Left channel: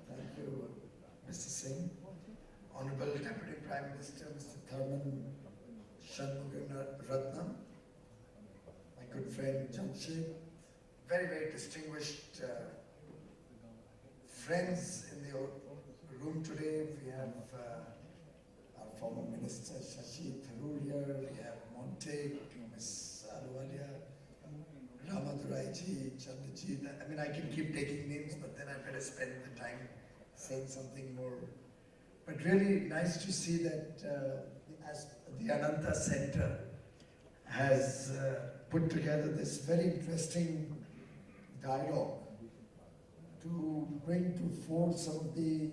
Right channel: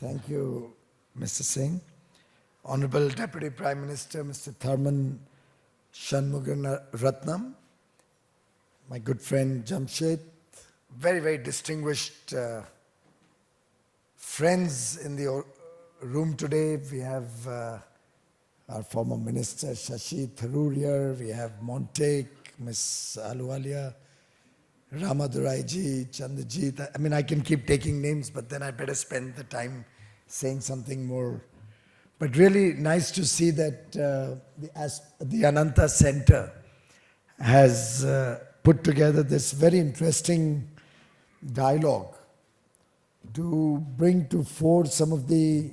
Thank you, Mr. Singh. Honorable Deputy Prime Minister, Mr. Tharman Shanmugaratnam, my good friend Jamshed, very, very distinguished friends in the room today. We have our former Minister Shashi Tharoor here, we have Montek, Ms. Ahluwalia, Ramaduraiji, Chandrajit. I mean, I can keep taking names, but then I better spend the time saying something more. But really nice to see that the Ananta Center has put together this very interesting dialogue to bring to fore some of the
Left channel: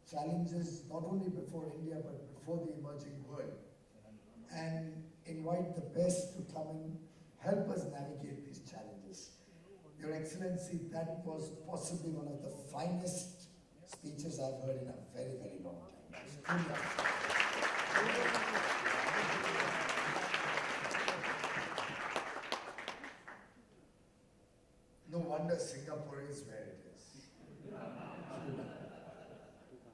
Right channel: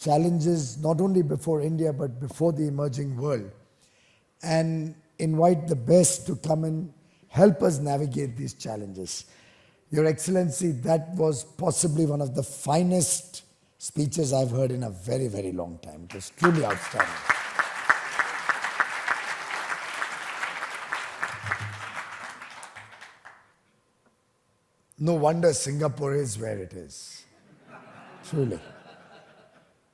challenges not only before India but before the emerging world, and invite the best to come and help us navigate these challenges. Your Excellency, that was possibly one of the finest speeches I've heard in a very, very long time. It was truly outstanding. No wonder Singapore is where it is, truly.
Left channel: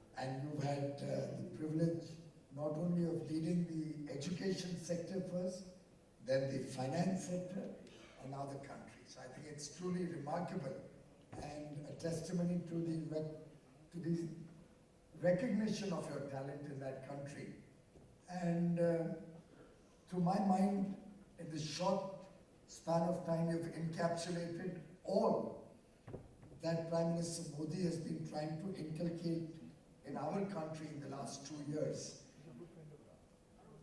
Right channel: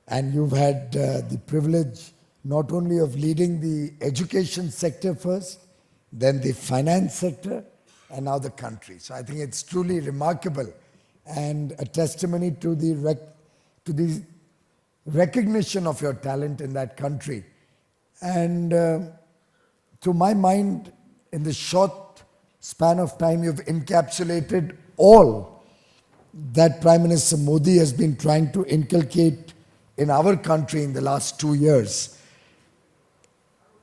And you've had the privilege not only of leading the education sector first, then the finance sector, and now the country. So I think it's truly remarkable and a testimony to the recognition of your talent in that country. And to my mind, in the short span of time, you've encapsulated all that Prime Minister Modi has been trying to inculcate in our country in the last 2 years.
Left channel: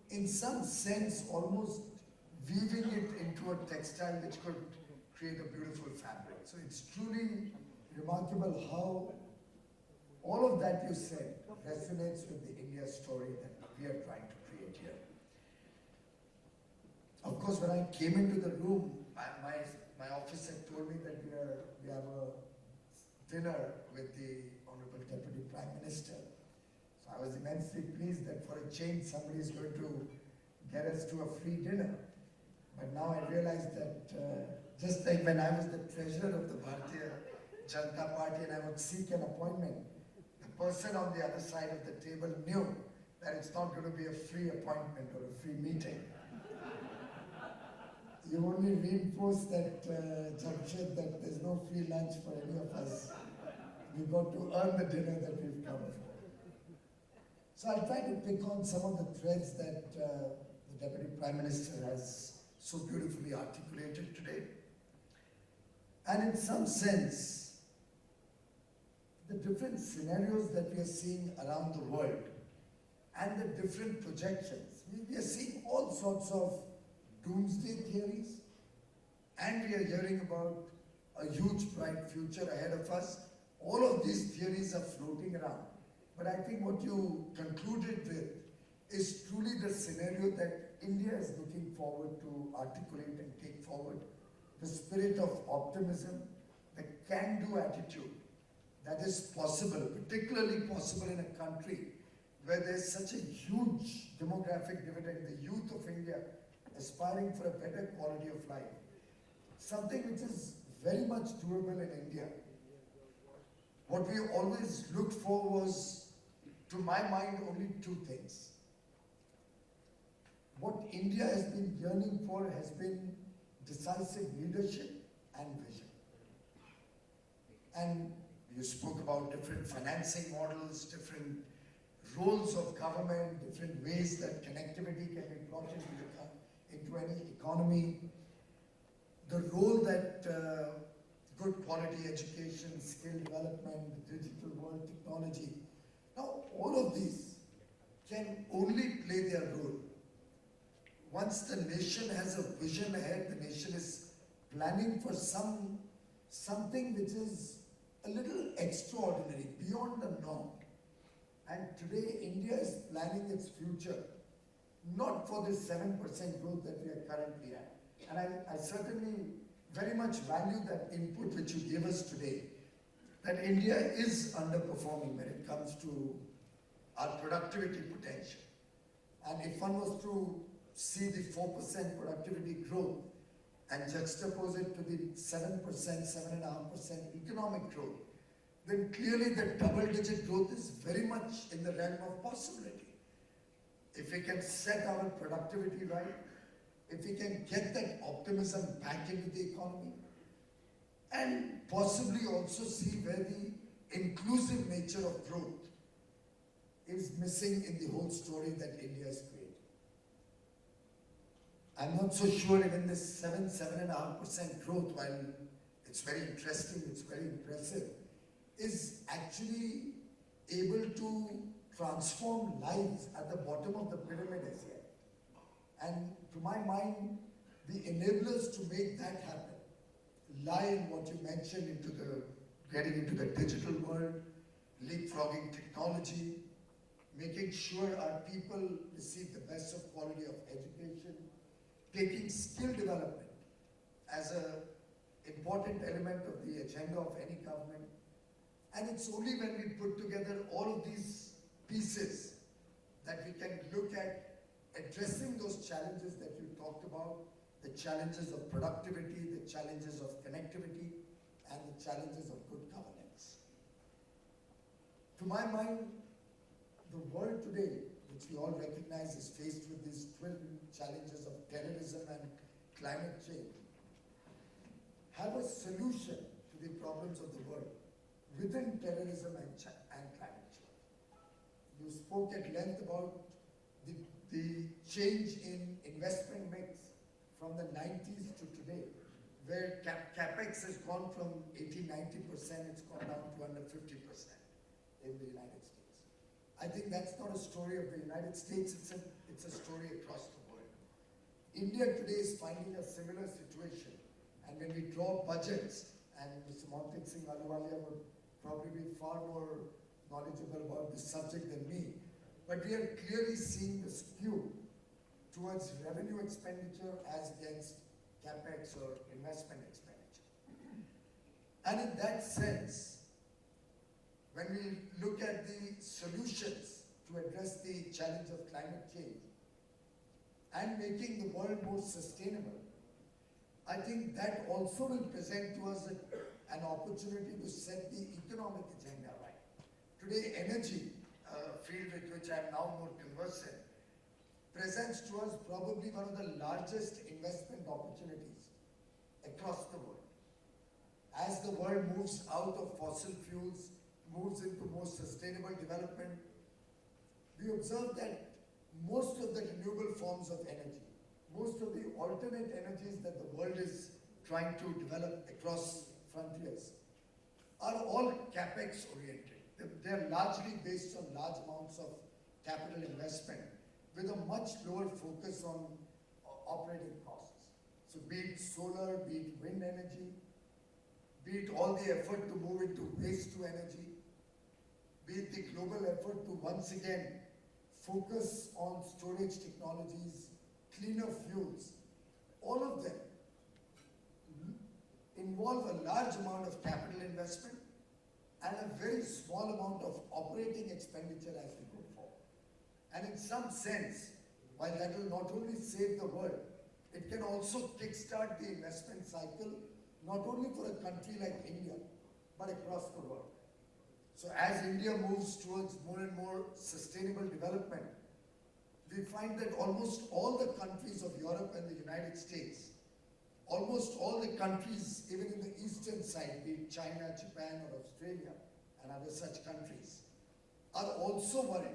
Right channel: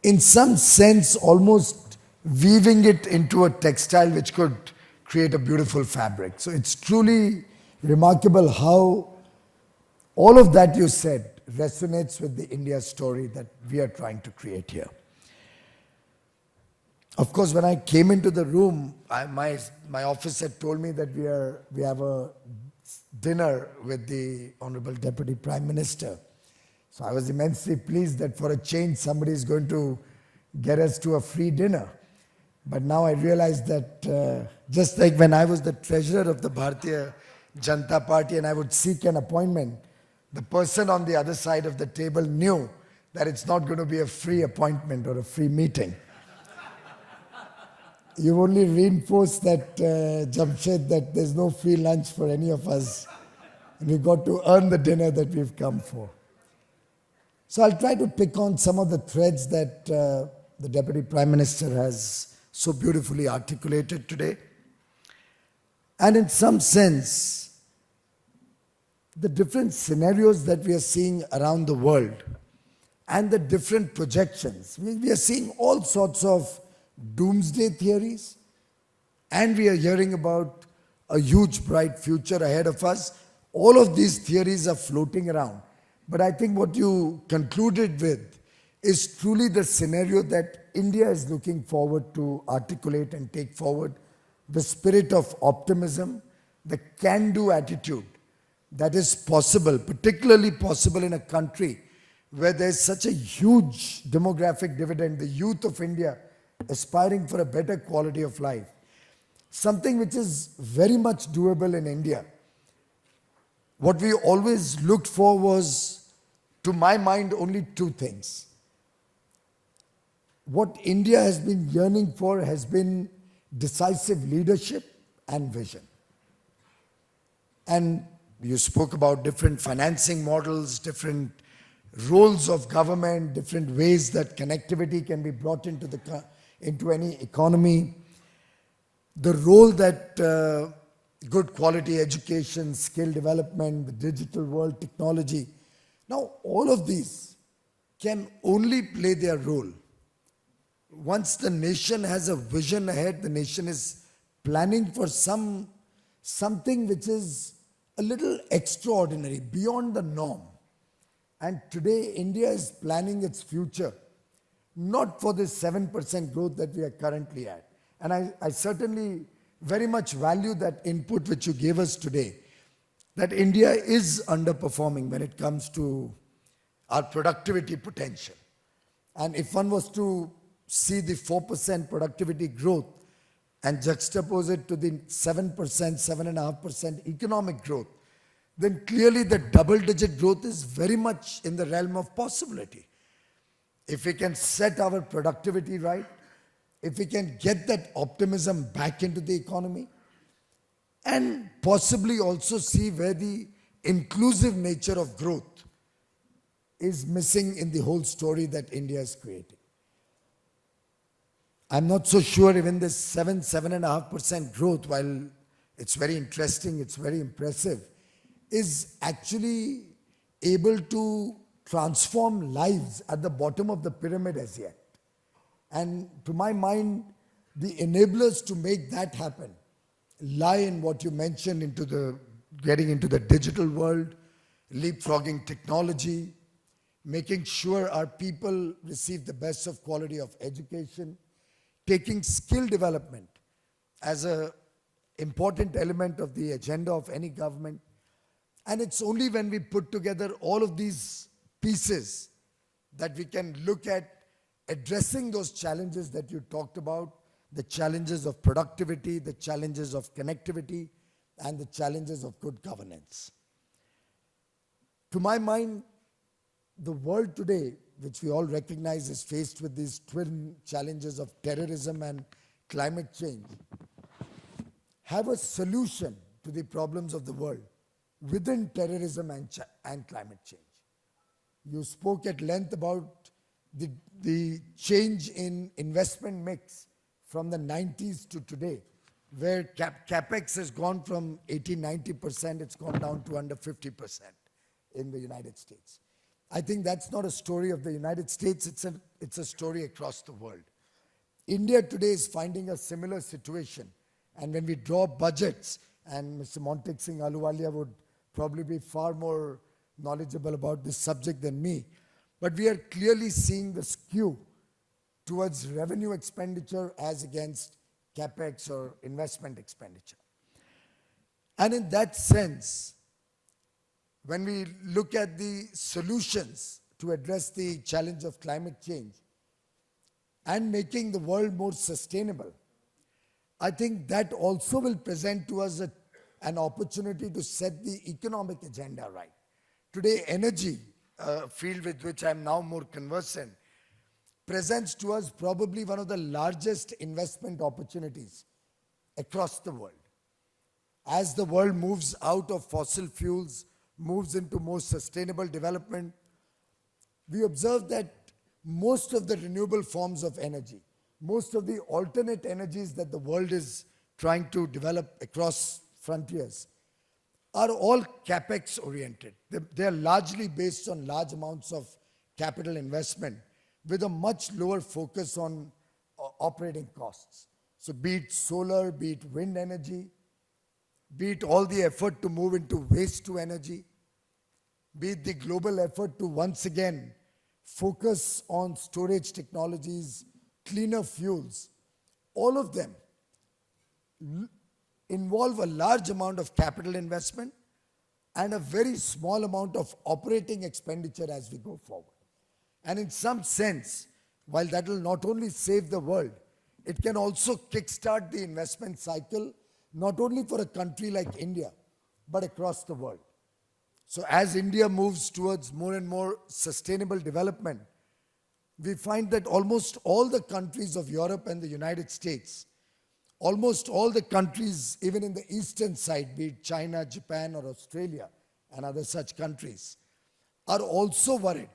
In some sense, almost weaving it into a textile which could create a beautiful fabric. So it's truly remarkable how all of that you said resonates with the India story that we are trying to create here. Of course, when I came into the room, my office had told me that we have a dinner with the Honorable Deputy Prime Minister. So I was immensely pleased that for a change, somebody is going to get us to a free dinner. But now I realize that just like when I was the treasurer of the Bharatiya Janata Party and I would seek an appointment, the person on the other side of the table knew that it's not going to be a free appointment or a free meeting. You've only reinforced that, Jamshed, that there's no free lunch for any of us. And we've got to earn the dinner that we've come for. So I'll try to pick on some of the threads that the Deputy Prime Minister has so beautifully articulated today. And in some sense, the different scenarios that we are seeing around the world and the different projections. We are seeing all sorts of doomsday theories, and we are hearing about a huge bright future ahead of us. All of these theories are floating around. But I think what you concluded with is truly the scenario that India is looking forward to articulate and take forward, the spirit of optimism, the can-do attitude that is possible, particularly possible in a country where there's such a huge demographic dividend, the youth of India aspiring for a better quality of life. Something which is very much doable in India. What we always looked for was, to my mind, only two things. What India has been yearning for has been decisive leadership and vision. And you spoke about different financing models, different roles of government, different ways that connectivity can be brought into any economy. The role that good quality education, skill development, the digital world, technology. Now, all of these can only play their role once the nation has a vision ahead. The nation is planning for something which is a little extraordinary, beyond the norm. And today, India is planning its future, not for this 7% growth that we are currently at. And I certainly very much value that input which you gave us today, that India is underperforming when it comes to our productivity potential. And if one was to see the 4% productivity growth and juxtapose it to the 7%, 7.5% economic growth, then clearly the double-digit growth is very much in the realm of possibility. If we can set our productivity right, if we can get that optimism back into the economy, and possibly also see where the inclusive nature of growth is missing in the whole story that India is creating. I'm not so sure even this 7.5% growth, while it's very interesting, it's very impressive, is actually able to transform lives at the bottom of the pyramid as yet. And to my mind, the enablers to make that happen lie in what you mentioned into the getting into the digital world, leapfrogging technology, making sure our people receive the best of quality of education, taking skill development as an important element of the agenda of any government. And it's only when we put together all of these pieces that we can look at addressing those challenges that you talked about, the challenges of productivity, the challenges of connectivity, and the challenges of good governance. To my mind, the world today, which we all recognize is faced with these twin challenges of terrorism and climate change, have a solution to the problems of the world within terrorism and climate change. You spoke at length about the change in investment mix from the 90s to today, where capex has gone from 80-90%, it's gone down to under 50% in the United States. I think that's not a story of the United States, it's a story across the world. India today is finding a similar situation, and when we draw budgets, and Mr. Montek Singh Ahluwalia would probably be far more knowledgeable about this subject than me, but we are clearly seeing the skew towards revenue expenditure as against capex or investment expenditure. And in that sense, when we look at the solutions to address the challenge of climate change and making the world more sustainable, I think that also will present to us an opportunity to set the economic agenda right. Today, energy, a field with which I'm now more conversant, presents to us probably one of the largest investment opportunities across the world. As the world moves out of fossil fuels, moves into more sustainable development, we observe that most of the renewable forms of energy, most of the alternate energies that the world is trying to develop across frontiers are all capex oriented. They are largely based on large amounts of capital investment with a much lower focus on operating costs. So be it solar, be it wind energy, be it all the effort to move into waste to energy, be it the global effort to once again focus on storage technologies, cleaner fuels, all of them involve a large amount of capital investment and a very small amount of operating expenditure as we go forward. And in some sense, while that will not only save the world, it can also kickstart the investment cycle, not only for a country like India, but across the world. So as India moves towards more and more sustainable development, we find that almost all the countries of Europe and the United States, almost all the countries, even in the eastern side, be it China, Japan, or Australia, and other such countries, are also worried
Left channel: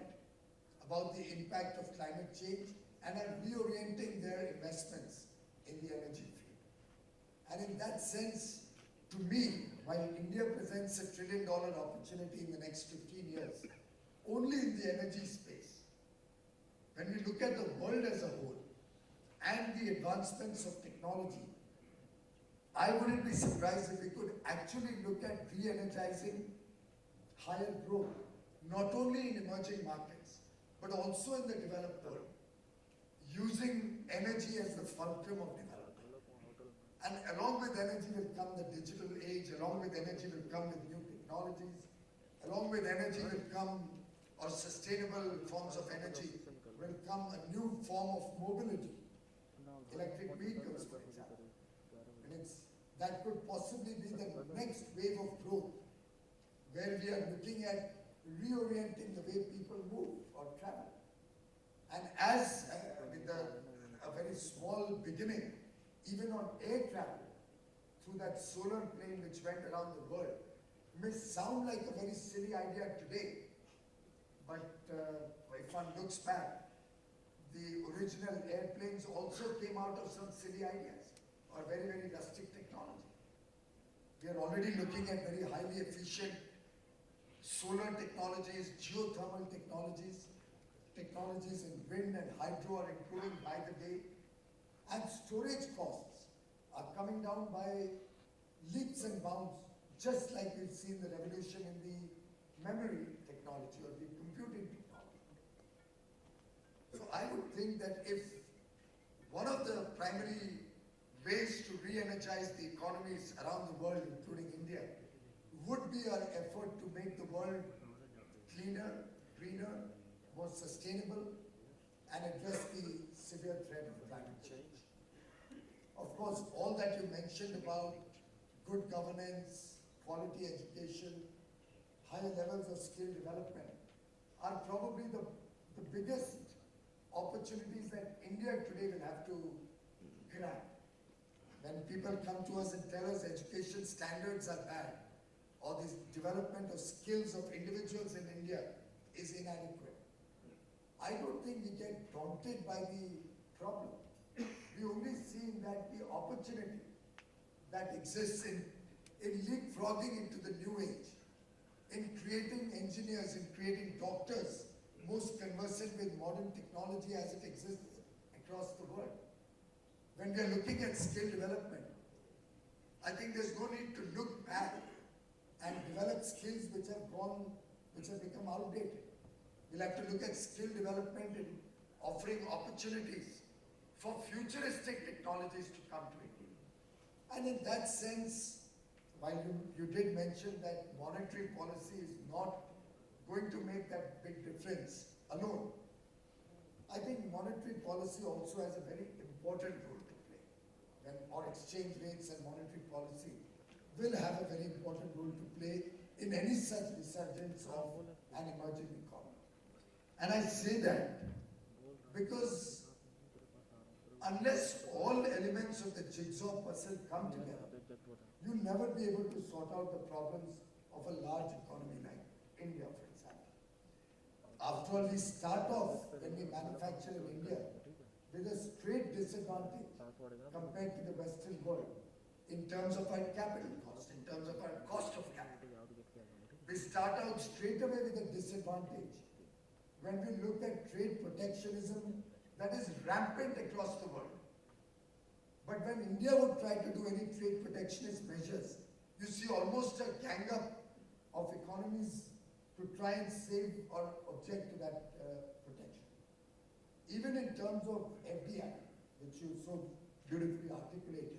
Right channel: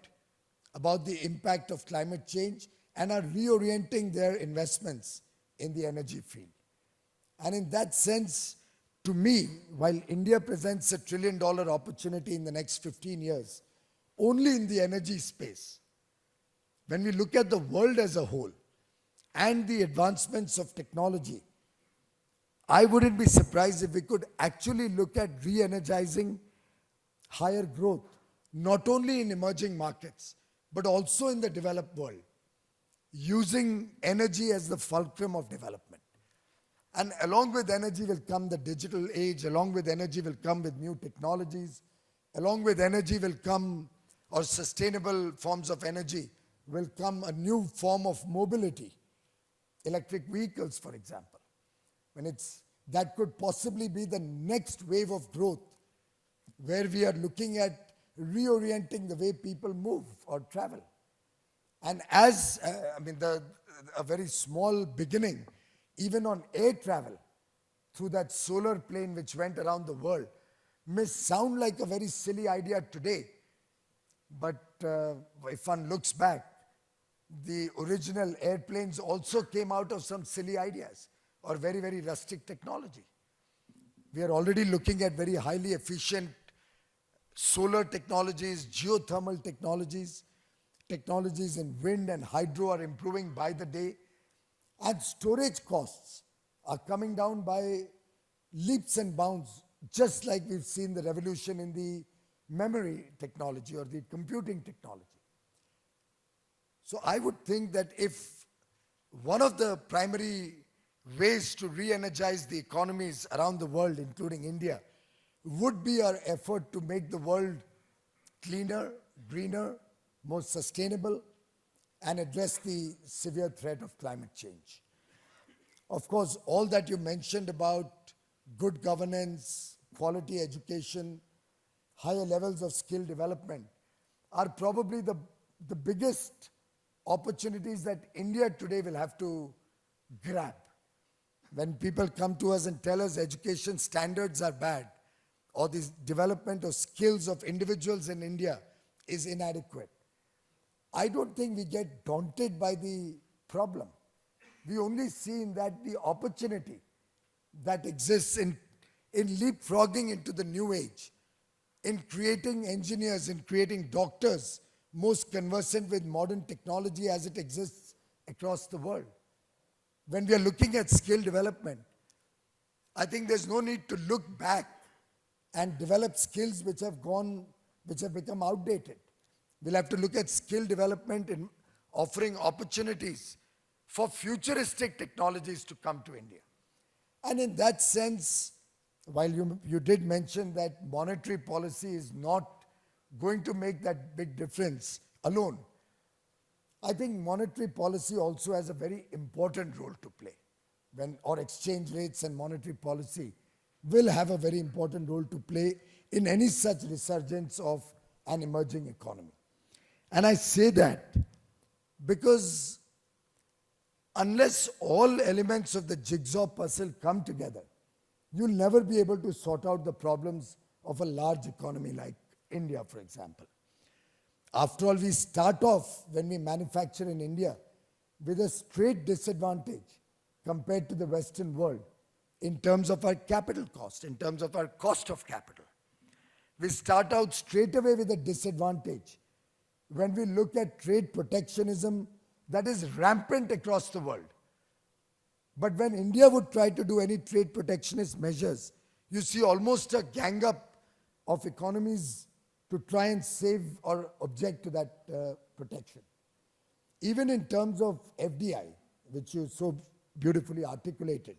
about the impact of climate change and are reorienting their investments in the energy field. And in that sense, to me, while India presents $1 trillion opportunity in the next 15 years, only in the energy space, when we look at the world as a whole and the advancements of technology, I wouldn't be surprised if we could actually look at re-energizing higher growth, not only in emerging markets, but also in the developed world, using energy as the fulcrum of development. And along with energy will come the digital age, along with energy will come with new technologies, along with energy will come, or sustainable forms of energy, will come a new form of mobility. Electric vehicles, for example. That could possibly be the next wave of growth, where we are looking at reorienting the way people move or travel. And as, a very small beginning, even on air travel, through that solar plane which went around the world, may sound like a very silly idea today. But if one looks back, the original airplanes also came out of some silly ideas or very, very rustic technology. We are already looking at very highly efficient solar technologies, geothermal technologies. Technologies in wind and hydro are improving by the day. And storage costs are coming down by leaps and bounds, just like we've seen the revolution in the memory technology or the computing technology. So I would think that if one of the primary ways to re-energize the economies around the world, including India, would be our effort to make the world cleaner, greener, more sustainable, and address the severe threat of climate change. Of course, all that you mentioned about good governance, quality education, higher levels of skill development are probably the biggest opportunities that India today will have to grab. When people come to us and tell us education standards are bad, or the development of skills of individuals in India is inadequate, I don't think we get daunted by the problem. We only see in that the opportunity that exists in leapfrogging into the new age, in creating engineers, in creating doctors most conversant with modern technology as it exists across the world. When we are looking at skill development, I think there's no need to look back and develop skills which have become outdated. We'll have to look at skill development in offering opportunities for futuristic technologies to come to India. And in that sense, while you did mention that monetary policy is not going to make that big difference alone, I think monetary policy also has a very important role to play. Or exchange rates and monetary policy will have a very important role to play in any such resurgence of an emerging economy. And I say that because unless all elements of the jigsaw puzzle come together, you'll never be able to sort out the problems of a large economy like India, for example. After all, we start off, when we manufacture in India, with a straight disadvantage compared to the Western world in terms of our capital cost, in terms of our cost of capital. We start out straight away with a disadvantage when we look at trade protectionism that is rampant across the world. But when India would try to do any trade protectionist measures, you see almost a gang up of economies to try and save or object to that protection. Even in terms of FDI, which you so beautifully articulated,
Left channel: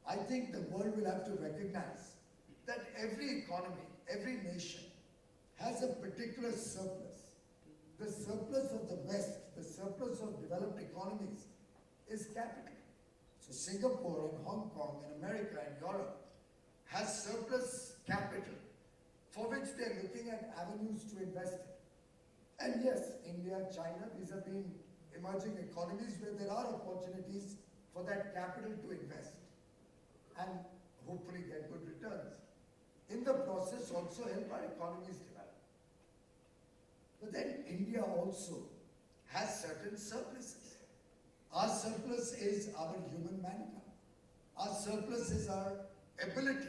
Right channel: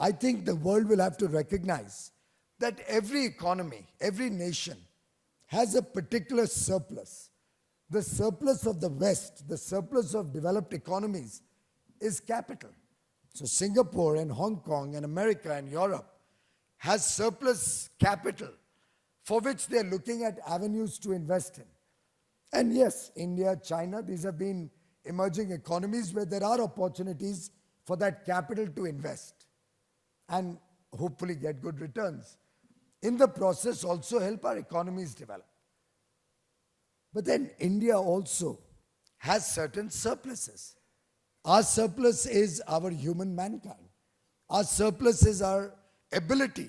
I think the world will have to recognize that every economy, every nation has a particular surplus. The surplus of the West, the surplus of developed economies is capital. So Singapore and Hong Kong and America and Europe has surplus capital for which they are looking at avenues to invest in. And yes, India, China, these have been emerging economies where there are opportunities for that capital to invest and hopefully get good returns. In the process, also help our economies develop. But then India also has certain surpluses. Our surplus is our human mankind. Our surplus is our ability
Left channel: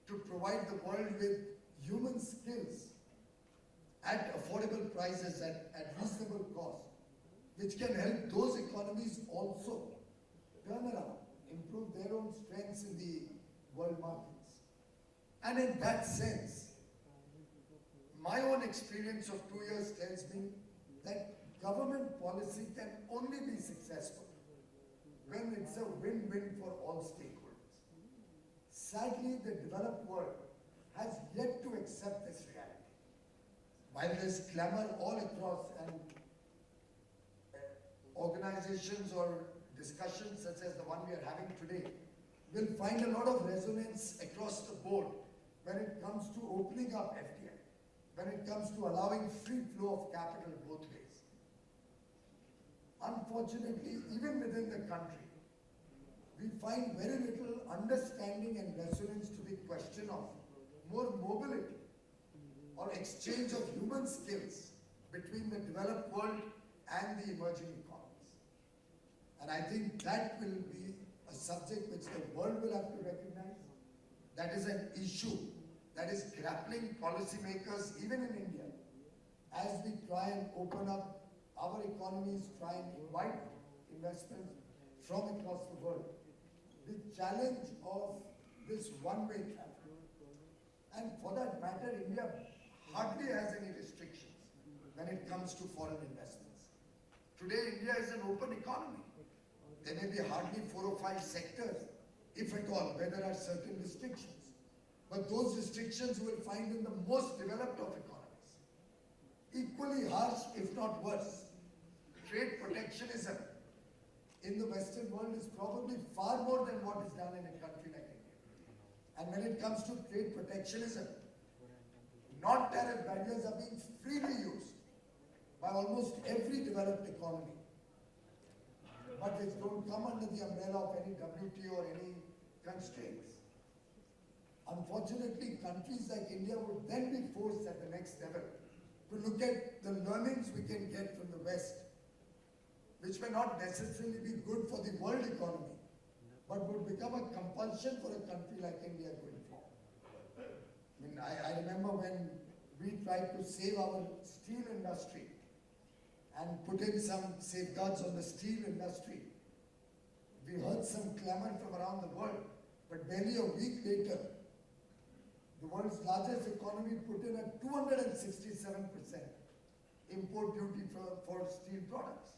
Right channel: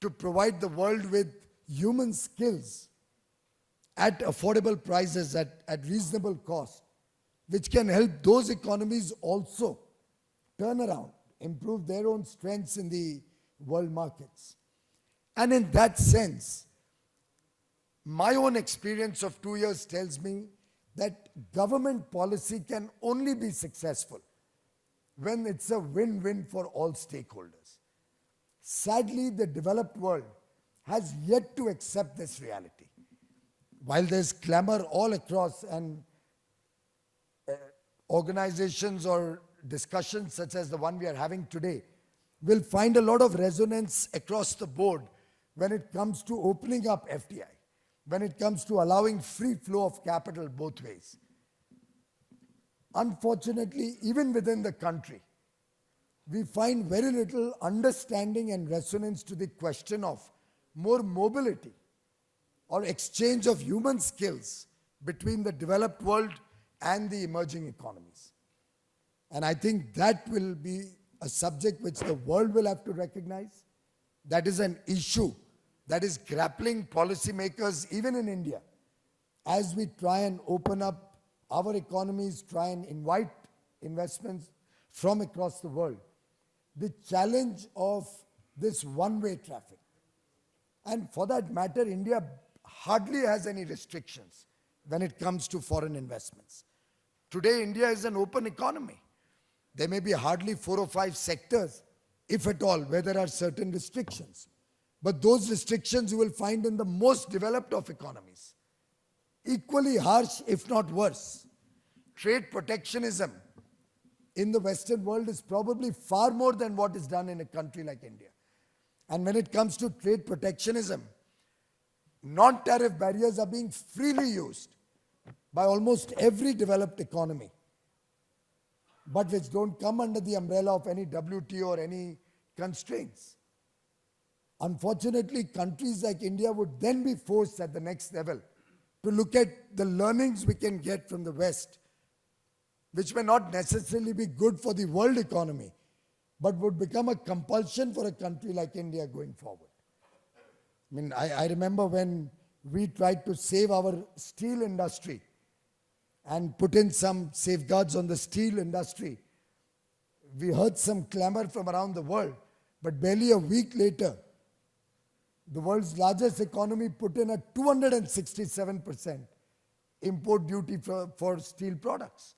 to provide the world with human skills at affordable prices, at reasonable cost, which can help those economies also turn around, improve their own strengths in the world markets. And in that sense, my own experience of 2 years tells me that government policy can only be successful when it's a win-win for all stakeholders. Sadly, the developed world has yet to accept this reality. While there's clamor all across and organizations or discussions such as the one we are having today will find a lot of resonance across the board when it comes to opening up FDI, when it comes to allowing free flow of capital both ways. Unfortunately, even within the country, we find very little understanding and resonance to the question of more mobility or exchange of human skills between the developed world and the emerging economies. And I think that will be a subject which the world will have to recognize. That is an issue that is grappling policymakers even in India as we try and open up our economies, try and invite investments from across the world. The challenge of this one-way traffic. And for that matter, India hardly has any restrictions when it comes to foreign investments. Today, India is an open economy. There may be hardly 4 or 5 sectors, if at all, where there are certain restrictions. But those restrictions you will find in the most developed of economies. Equally harsh, if not worse. Trade protectionism in the Western world is probably far more than what is done in a country like India. And when it comes to trade protectionism, non-tariff barriers are being freely used by almost every developed economy, but which don't come under the umbrella of any WTO or any constraints. Unfortunately, countries like India would then be forced at the next level to look at the learnings we can get from the West, which may not necessarily be good for the world economy, but would become a compulsion for a country like India going forward. I mean, I remember when we tried to save our steel industry and put in some safeguards on the steel industry, we heard some clamor from around the world, but barely a week later, the world's largest economy put in a 267% import duty for steel products.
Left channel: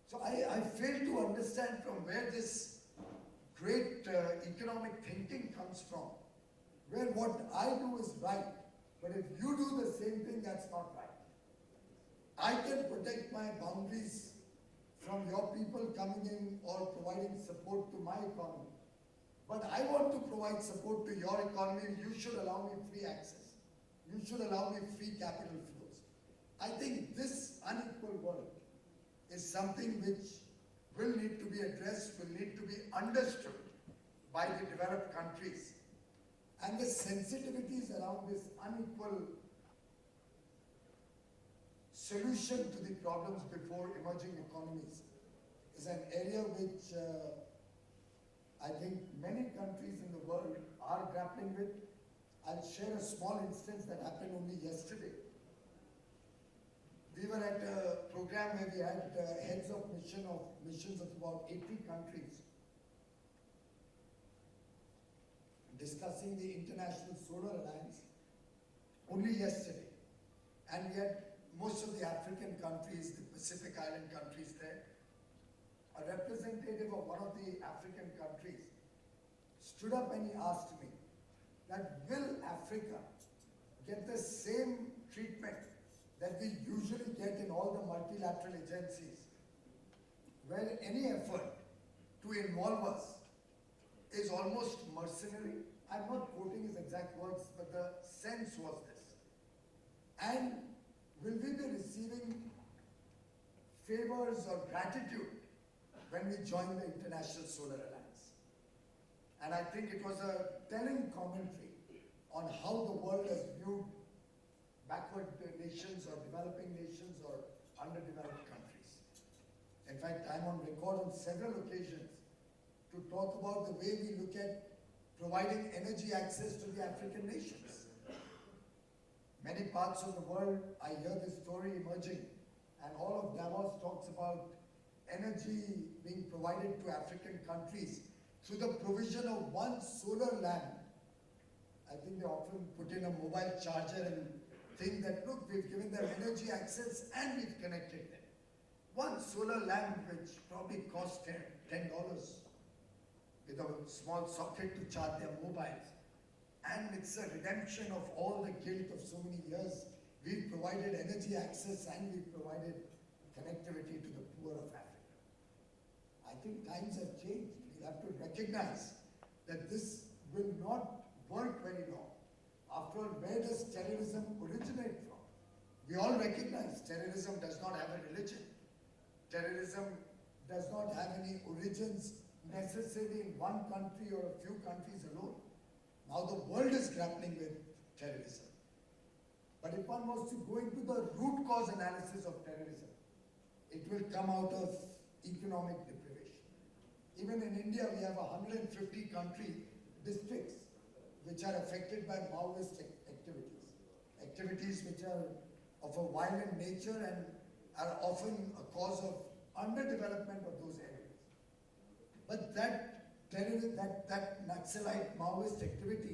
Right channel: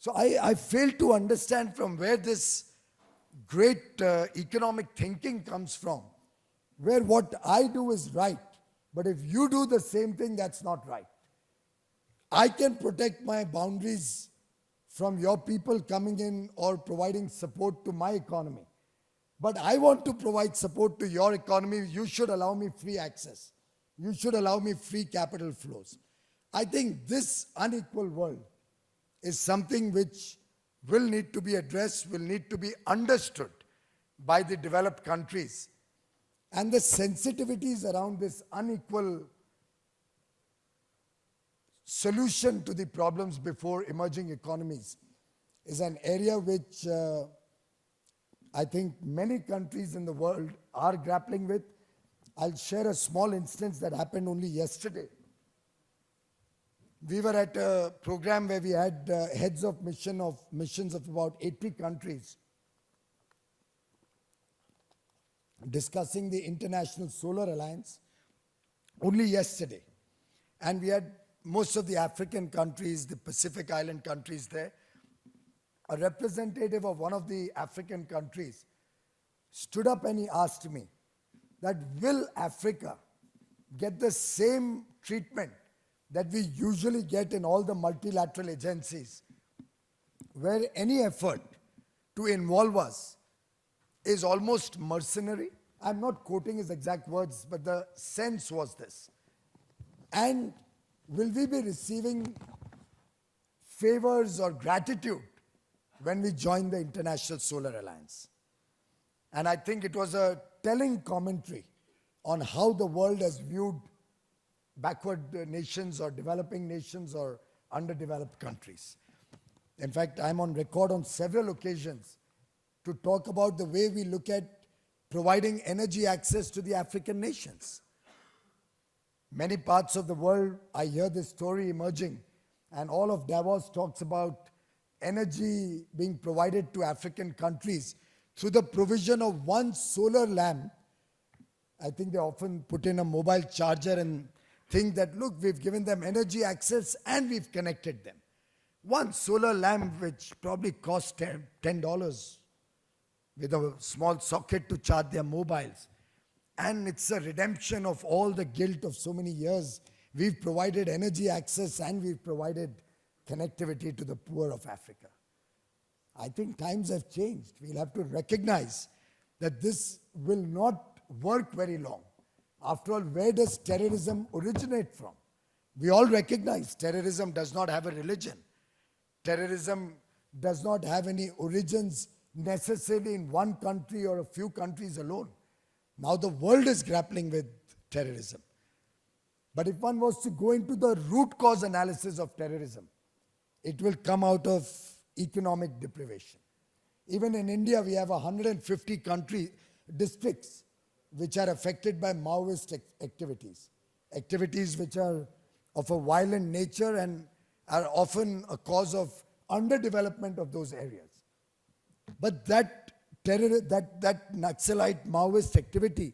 So I fail to understand from where this great economic thinking comes from, where what I do is right, but if you do the same thing, that's not right. I can protect my boundaries from your people coming in or providing support to my economy. But I want to provide support to your economy. You should allow me free access. You should allow me free capital flows. I think this unequal world is something which will need to be addressed, will need to be understood by the developed countries. And the sensitivities around this unequal solution to the problems before emerging economies is an area which I think many countries in the world are grappling with. I'll share a small instance that happened only yesterday. We were at a program where we had heads of missions of about 80 countries discussing the International Solar Alliance only yesterday. And we had most of the African countries, the Pacific Island countries there. A representative of one of the African countries stood up and he asked me that will Africa get the same treatment that we usually get in all the multilateral agencies, where any effort to involve us is almost mercenary. I'm not quoting his exact words, but the sense was this. And will we be receiving favors or gratitude when we join the International Solar Alliance? And I think it was a telling commentary on how the world has viewed backward nations or developing nations or underdeveloped countries. In fact, I'm on record on several occasions to talk about the way we look at providing energy access to the African nations. Many parts of the world, I hear this story emerging, and all of Davos talks about energy being provided to African countries through the provision of one solar lamp. I think they often put in a mobile charger and think that, look, we've given them energy access and we've connected them. One solar lamp, which probably costs $10 with a small socket to charge their mobiles. And it's a redemption of all the guilt of so many years. We've provided energy access and we've provided connectivity to the poor of Africa. I think times have changed. We'll have to recognize that this will not work very long. After all, where does terrorism originate from? We all recognize terrorism does not have a religion. Terrorism does not have any origins necessarily in one country or a few countries alone. Now the world is grappling with terrorism. But if one was to go into the root cause analysis of terrorism, it will come out of economic deprivation. Even in India, we have 150 districts which are affected by Maoist activities. Activities which are of a violent nature and are often a cause of underdevelopment of those areas. But that Naxalite Maoist activity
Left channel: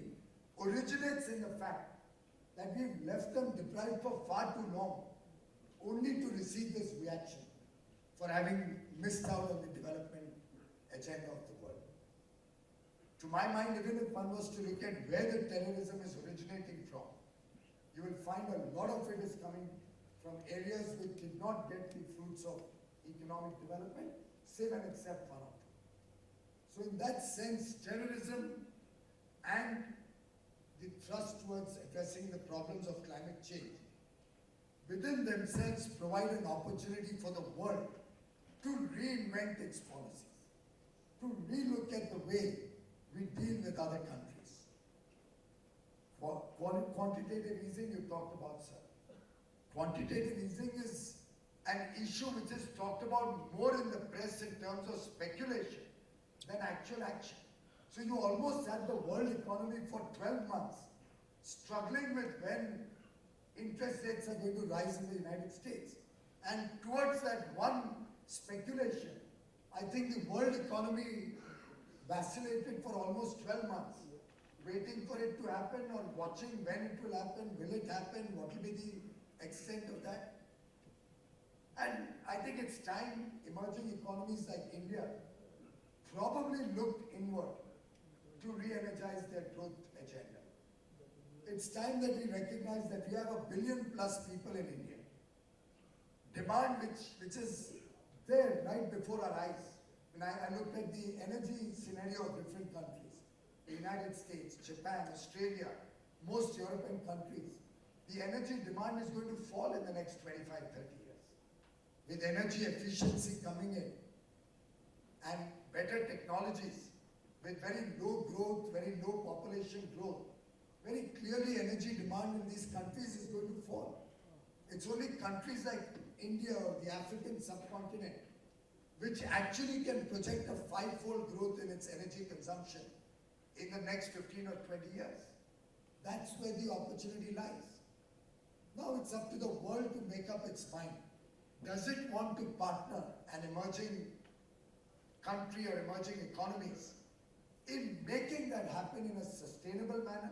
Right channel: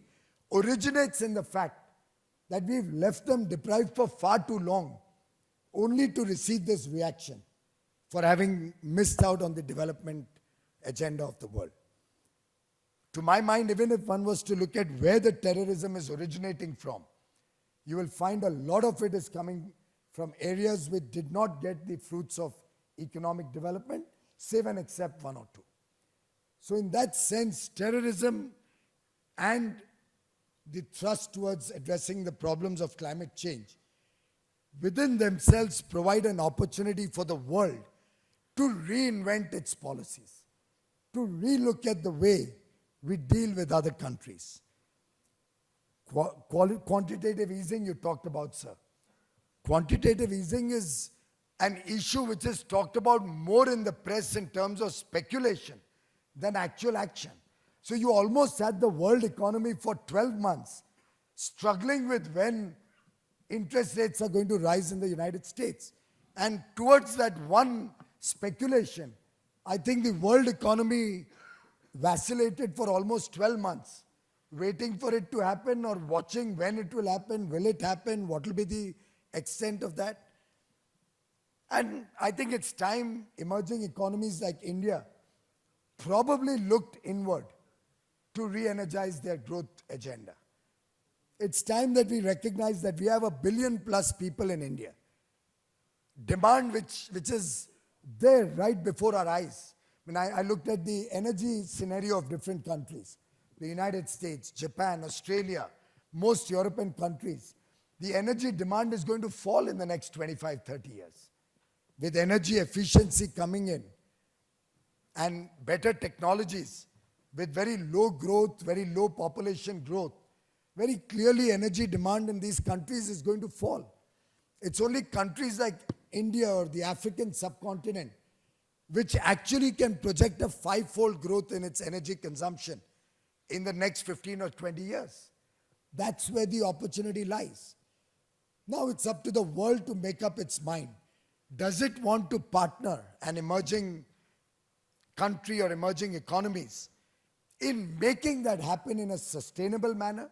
originates in the fact that we've left them deprived for far too long, only to receive this reaction for having missed out on the development agenda of the world. To my mind, even if one was to look at where the terrorism is originating from, you will find a lot of it is coming from areas which did not get the fruits of economic development, save and except one or two. So in that sense, terrorism and the thrust towards addressing the problems of climate change within themselves provide an opportunity for the world to reinvent its policies, to relook at the way we deal with other countries. Quantitative easing you talked about, sir. Quantitative easing is an issue which is talked about more in the press in terms of speculation than actual action. So you almost had the world economy for 12 months struggling with when interest rates are going to rise in the United States. And towards that one speculation, I think the world economy vacillated for almost 12 months, waiting for it to happen or watching when it will happen, will it happen, what will be the extent of that. And I think it's time emerging economies like India probably looked inward to re-energize their growth agenda. It's time that we recognize that we have 1 billion plus people in India. Demand which is there right before our eyes. When I looked at the energy scenario of different countries, the United States, Japan, Australia, most European countries, the energy demand is going to fall in the next 25, 30 years. With energy efficiency coming in and better technologies, with very low growth, very low population growth, very clearly energy demand in these countries is going to fall. It's only countries like India or the African subcontinent which actually can project a 5-fold growth in its energy consumption in the next 15 or 20 years. That's where the opportunity lies. Now it's up to the world to make up its mind. Does it want to partner an emerging country or emerging economies in making that happen in a sustainable manner,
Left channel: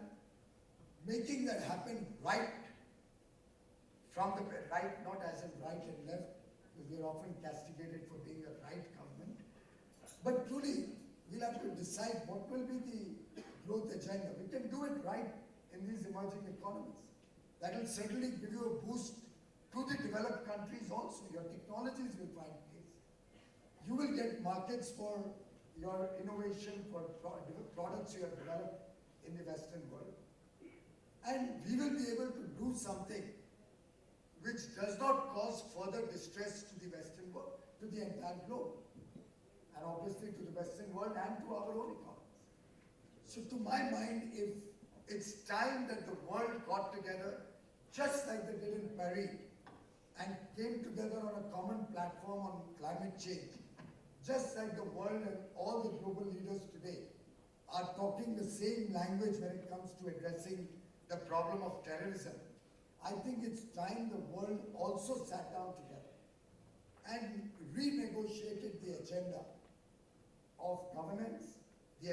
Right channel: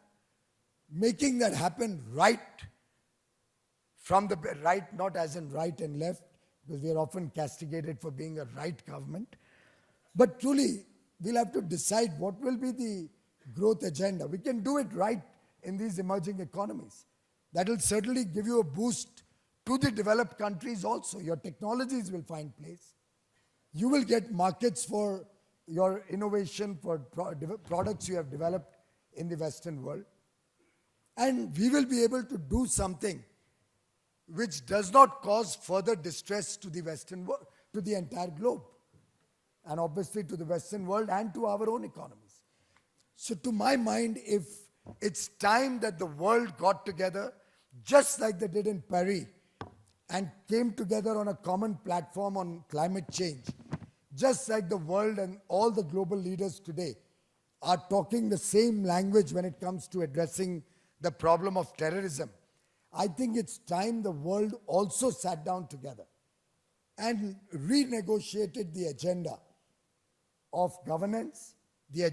making that happen right from the right, not as in right and left, because we are often castigated for being a right government. But truly, we'll have to decide what will be the growth agenda. We can do it right in these emerging economies. That will certainly give you a boost to the developed countries also. Your technologies will find place. You will get markets for your innovation, for products you have developed in the Western world. And we will be able to do something which does not cause further distress to the Western world, to the entire globe, and obviously to the Western world and to our own economies. So to my mind, if it's time that the world got together, just like they did in Paris, and came together on a common platform on climate change, just like the world and all the global leaders today are talking the same language when it comes to addressing the problem of terrorism, I think it's time the world also sat down together and renegotiated the agenda of governance, the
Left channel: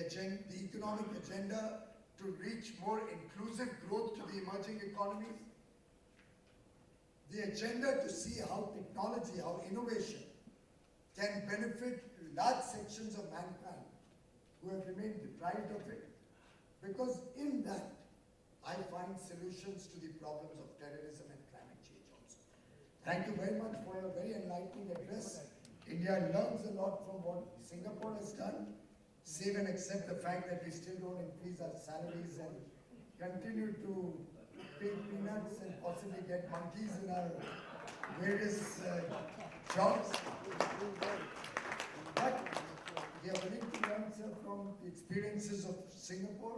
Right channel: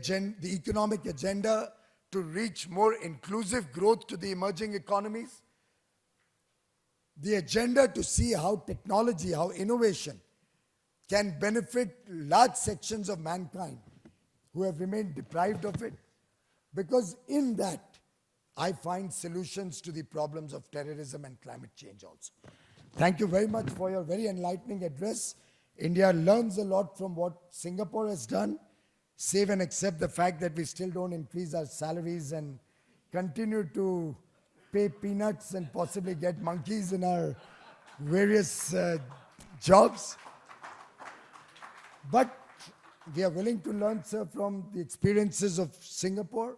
economic agenda to reach more inclusive growth to the emerging economies, the agenda to see how technology, how innovation can benefit large sections of mankind who have remained deprived of it. Because in that, I find solutions to the problems of terrorism and climate change also. Thank you very much for your very enlightening address. India learns a lot from what Singapore has done. save and accept the fact that we still don't increase our salaries and continue to pay peanuts and possibly get monkeys in our various jobs. But we are willing to learn, sir, from the experiences of Singapore.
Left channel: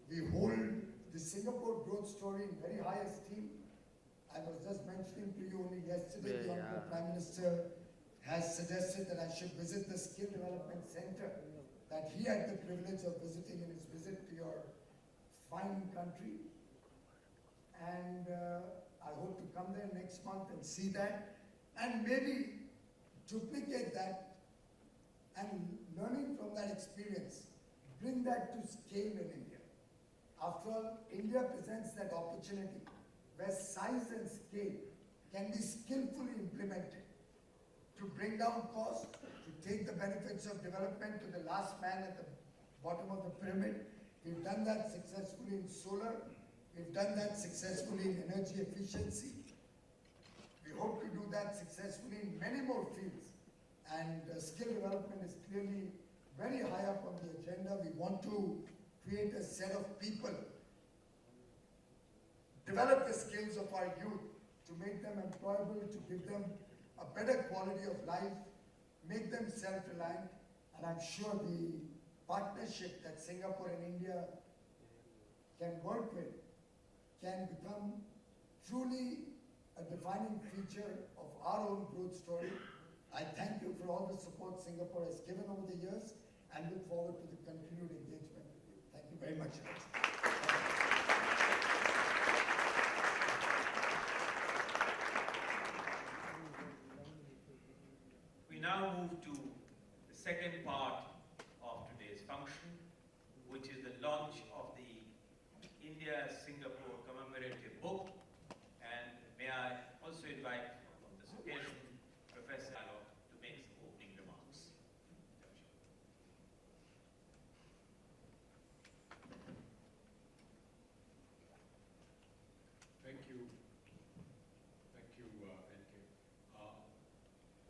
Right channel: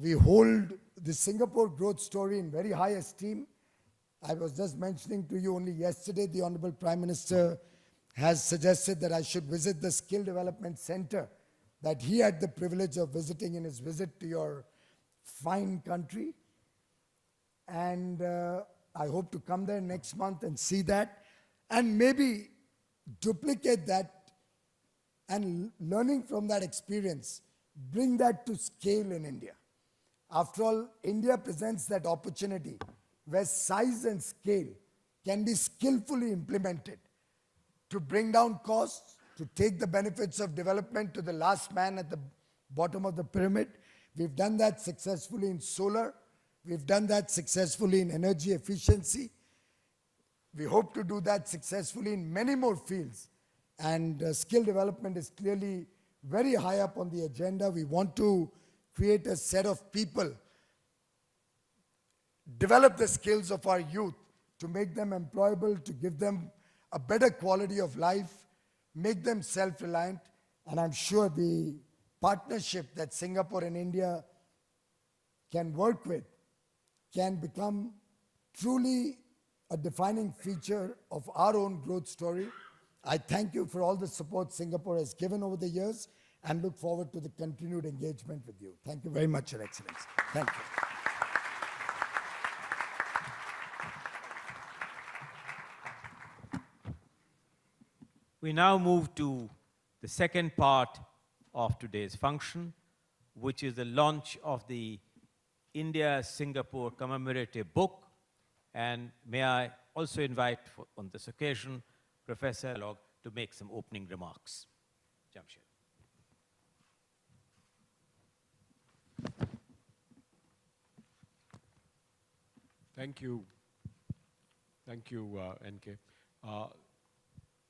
We hold the Singapore growth story in very high esteem. I was just mentioning to you only yesterday, the Honorable Prime Minister has suggested that I should visit the Skill Development Center that he had the privilege of visiting in his visit to your fine country. And I hope to come there next month and see that and maybe duplicate that and learning from that experience, bring that to scale in India. After all, India presents that opportunity where size and scale can be skillfully implemented to bring down costs, to take the benefits of development to the last man at the bottom of the pyramid. We've done that successfully in solar. We've done that successfully in energy efficiency. We hope to do that successfully in many more fields. And skill development is clearly very high up on the agenda. We want to create a set of people, develop the skills of our youth to make them employable, to give them a better quality of life, make them self-reliant. And I'm sure the partnership that Singapore and India can work with can become truly a defining feature of our own growth story. I thank you for all the support Singapore has given over the years and look forward to the continued engagement with you. Thank you very much, Your Excellency. Thank you. We now move to the second part of today's function, which is the launch of the India-Singapore commemorative book. And may I also invite, on this occasion, Professor Log to make some opening remarks. Jamshed. Thank you. Thank you, NK.